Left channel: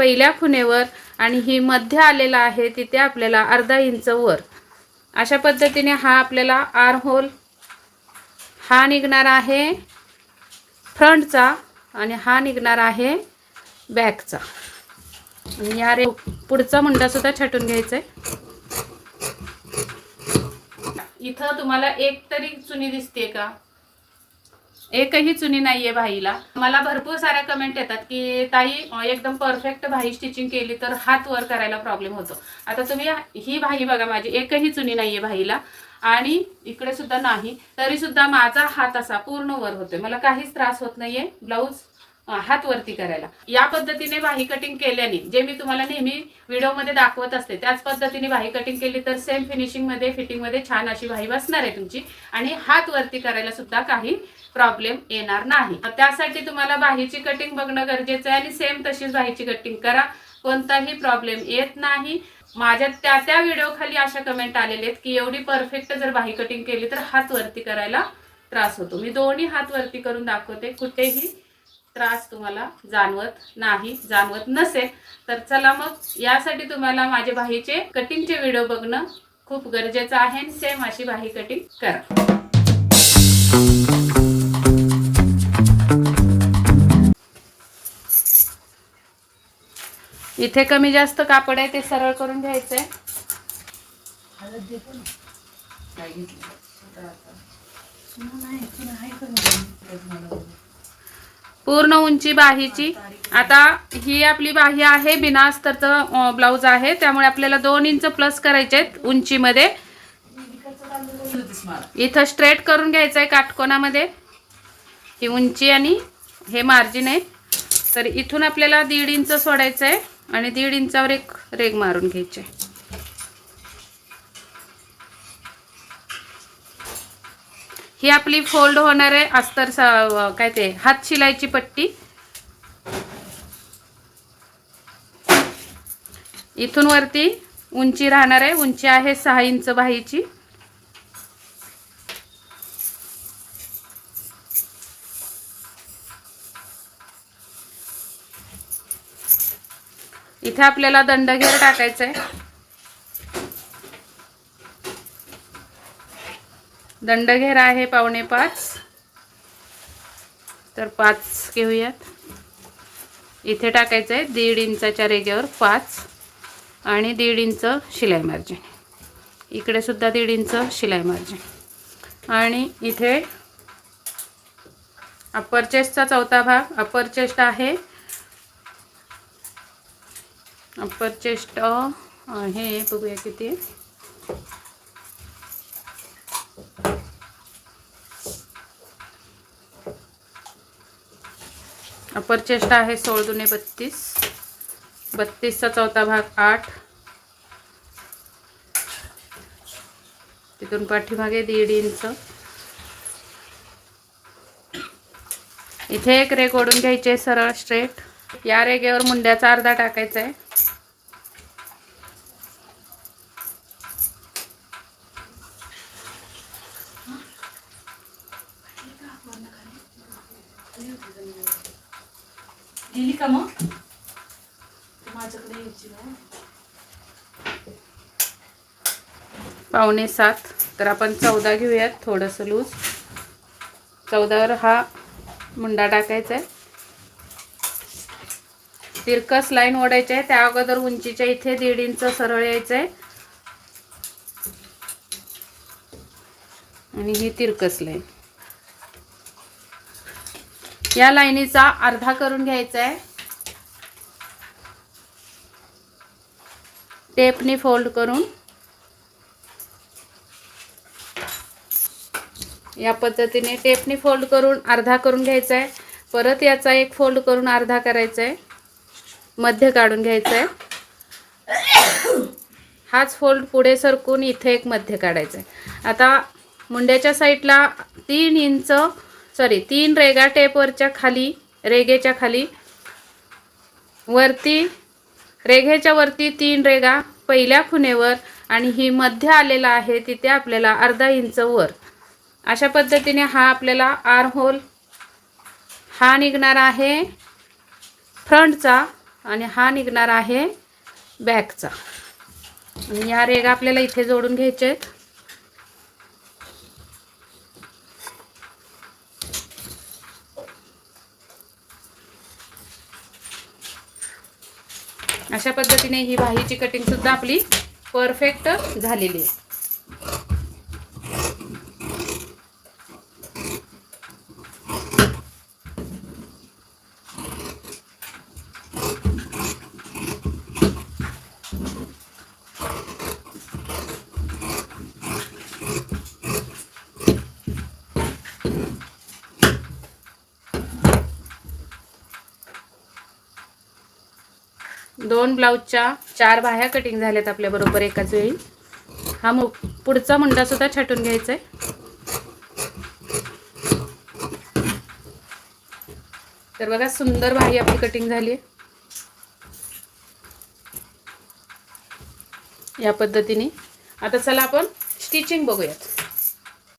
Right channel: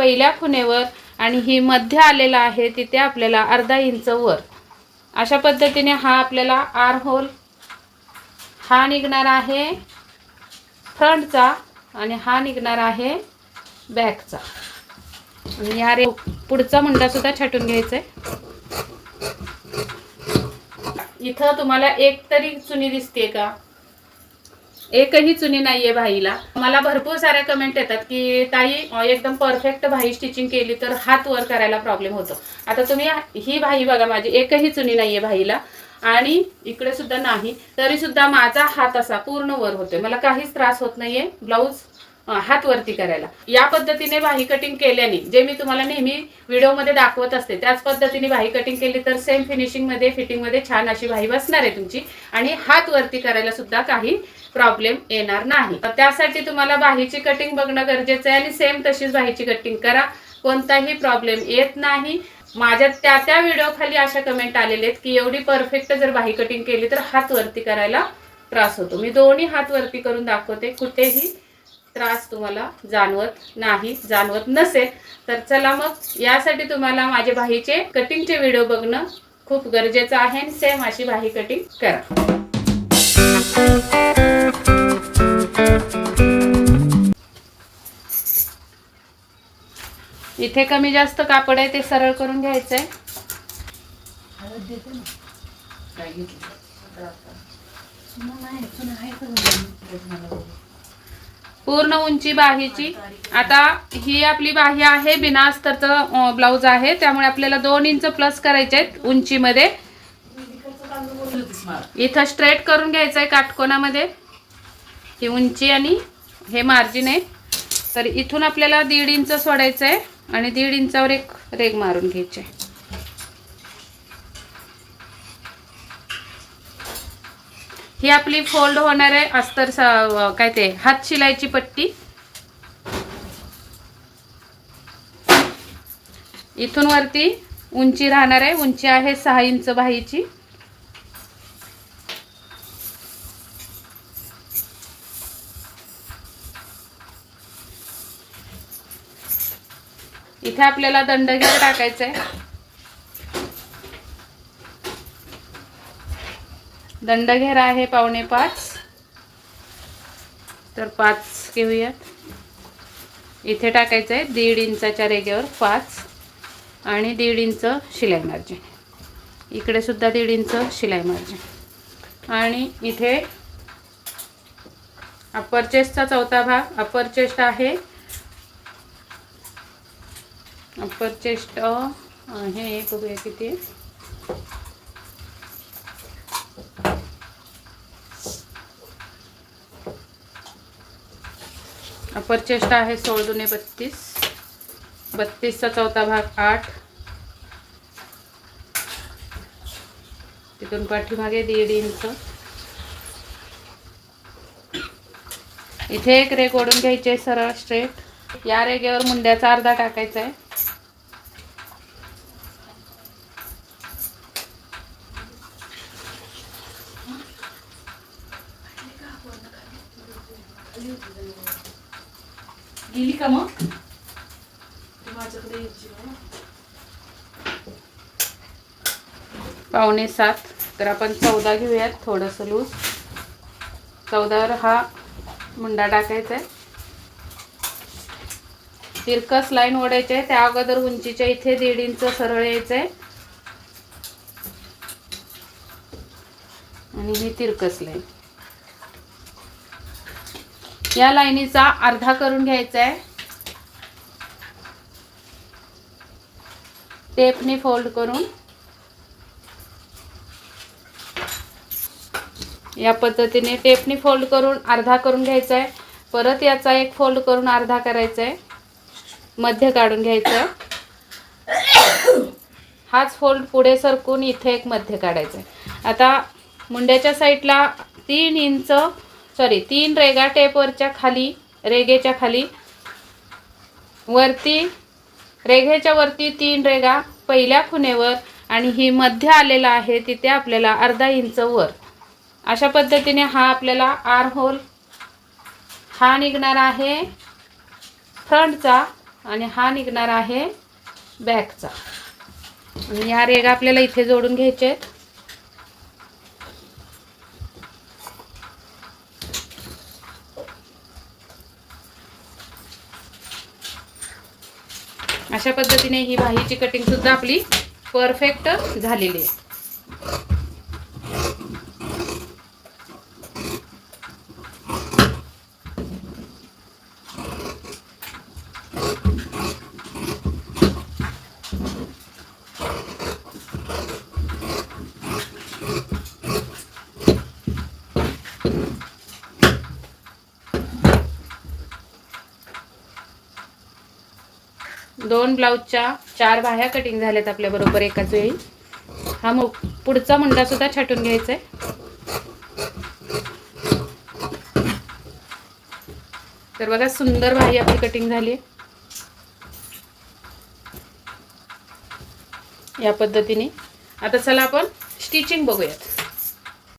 पहिल्या खुणेवर आणि ही मध्य आलेला आहे तिथे आपल्याला अर्धा इंच वर अशा पद्धतीने हा आपल्याला आर्म होल हा निघणार आहे फ्रंटचा आणि हा निघणार आहे बॅकचा। आणि या पुढचा मुंडा सुद्धा छाटून घ्यायचा आहे। इथं तुम्हाला एक तरी चुनी दिसते का? एकही चुनी नाहीये भाईला। मला भरपूर साऱ्या कमेंट येतात की ताई एकदम परफेक्ट भाई स्टिचिंग केली तर हात वर करायला प्रॉब्लेम होतो। आता तुम्ही ही भाई बघा, माझी एकही चुनी नाहीये भाईला आणि इकडे सुद्धा नाही, तरी सुद्धा माझा हात असा पूर्ण वर होतोय, मला काहीच त्रास होत नाहीये ब्लाउज हात वरती करायला। या पद्धतीने बाही कटिंग केल्याने जे मी तुम्हाला नेहमी व्हिडिओ मध्ये दाखवत असते त्याच पद्धतीने बाही कटिंग केली तर सेम फिनिशिंग मध्ये फिटिंग मध्ये छान अशी बाही बसणार आहे तुमची आणि हात वरती करायला सुद्धा काही प्रॉब्लेम येणार नाही। त्यासाठी तुम्हाला बाहीची कटिंग बघणं गरजेचं आहे आणि सेम तशीच बाहीची कटिंग करा, कोणताही प्रॉब्लेम येत नाही। माझ्या त्या व्हिडिओ खाली अशा कमेंट आलेले आहेत की एवढी परफेक्ट जर बाही कटिंग केली तर हात वरती करायला त्रास होतो। मी दोन्ही हात वरती करून दाखवते, कुठेही त्रास तुम्हाला जाणवत नाही। जाणवत नसेल तर चला मग यासाठी तुम्हाला माझे बाहीचे कटिंगचे व्हिडिओ बघणं खूप गरजेचं आहे आणि सेम अशी बाही कटिंग करा। इथे कमी जास्त कापड आहे ते सरळ करून घ्यायचंय। पूर्ण उंची बाहीची। आता ही आपली बाही आहे बिना अस्तरचं ब्लाउज आहे, त्यामुळे आपल्याला 2 इंच प्लस करायचे आहेत उंचीमध्ये। इथं स्ट्रेट करून घ्यायचंय काटकोनामध्ये ही उंची आणि हे मार्जिन आहे, तर इथून आपल्याला 1.5 इंच सोडायचं आहे आणि 1.5 इंचावर एक रेग मारून घ्यायचे। ही आपली फोल्ड होणार आहे अस्तर काय ते हात शिलाईची पट्टी। इथून वरती उंची राहणार आहे, उंची आहे 6 इंच बाहीची। इथे आपल्याला दंडघेर टाकायचा आहे। दंडघेर आहे 4.25, तर 5 घेऊयात। इथे टाकायचं आहे 1.5 इंचाच्या रेघेवर 5 आणि 1.5 इंच शिलाई मार्जिन। इकडे सुद्धा 1.5 इंच शिलाई मार्जिन आणि इथे अप्पर चेस्टचा चौथा भाग। अप्पर चेस्ट आहे, अप्पर चेस्ट हे बघूया किती, अप्पर चेस्ट आहे 16 दुने 32, 32चा चौथा भाग 8, तिथून पाठीमागे 1.5 इंच। इथे एक रेघ ओढून घ्यायची सरळ स्ट्रेट। या रेघेवर मुंड्याचा अर्धा टाकायचा आहे। गेली का मग माझ्याकडे यायची ना 6.25, तर आपण 14 घेऊयात, थोडंसं लूज। 14वर हा मुंडा टाकायचा आहे। तिरकस लाईन ओढायची आहे, त्या अगोदर उंचीच्या इथे 1.5 इंच सरळ यायचं आहे आणि ही तिरकस लाईन या लाईनीचा अर्धा करून घ्यायचा आहे। टेपनी फोल्ड करून या पद्धतीने टेपनी फोल्ड करून अर्धा करून घ्यायचा आहे। परत याचा एक फोल्ड करून अर्धा करायचा आहे, मध्य काढून घ्यायचा आहे। हाच फोल्ड पुढे सरकून इथे एक मध्य काढायचा आहे। आता मुंड्याच्या साईडला 3 रेगा टेपवरच्या खाली, रेगेच्या खाली वरती, रेघेच्या वरती 3 रेगा पहिल्या खुणेवर आणि ही मध्य आलेला आहे तिथे आपल्याला अर्धा इंच वर अशा पद्धतीने हा आपल्याला आर्म होल हा निघणार आहे फ्रंटचा आणि हा निघणार आहे बॅकचा. आणि या रेगा आपल्याला इथे जोडून घ्यायचे आहेत. अशा पद्धतीने ही बाहीची कटिंग सुद्धा आपली परफेक्ट झालेली आहे. दोन ब्लाऊजच्या 4 बाह्या कटिंग झाल्यात आपल्या बरोबर एकाच वेळी. हा पुढचा मुंडा सुद्धा छाटून घ्यायचा आहे. तर बघा सुंदर बाही आपली कटिंग झाली आहे. या पद्धतीने. आता चला आपण स्टिचिंग बघूयात.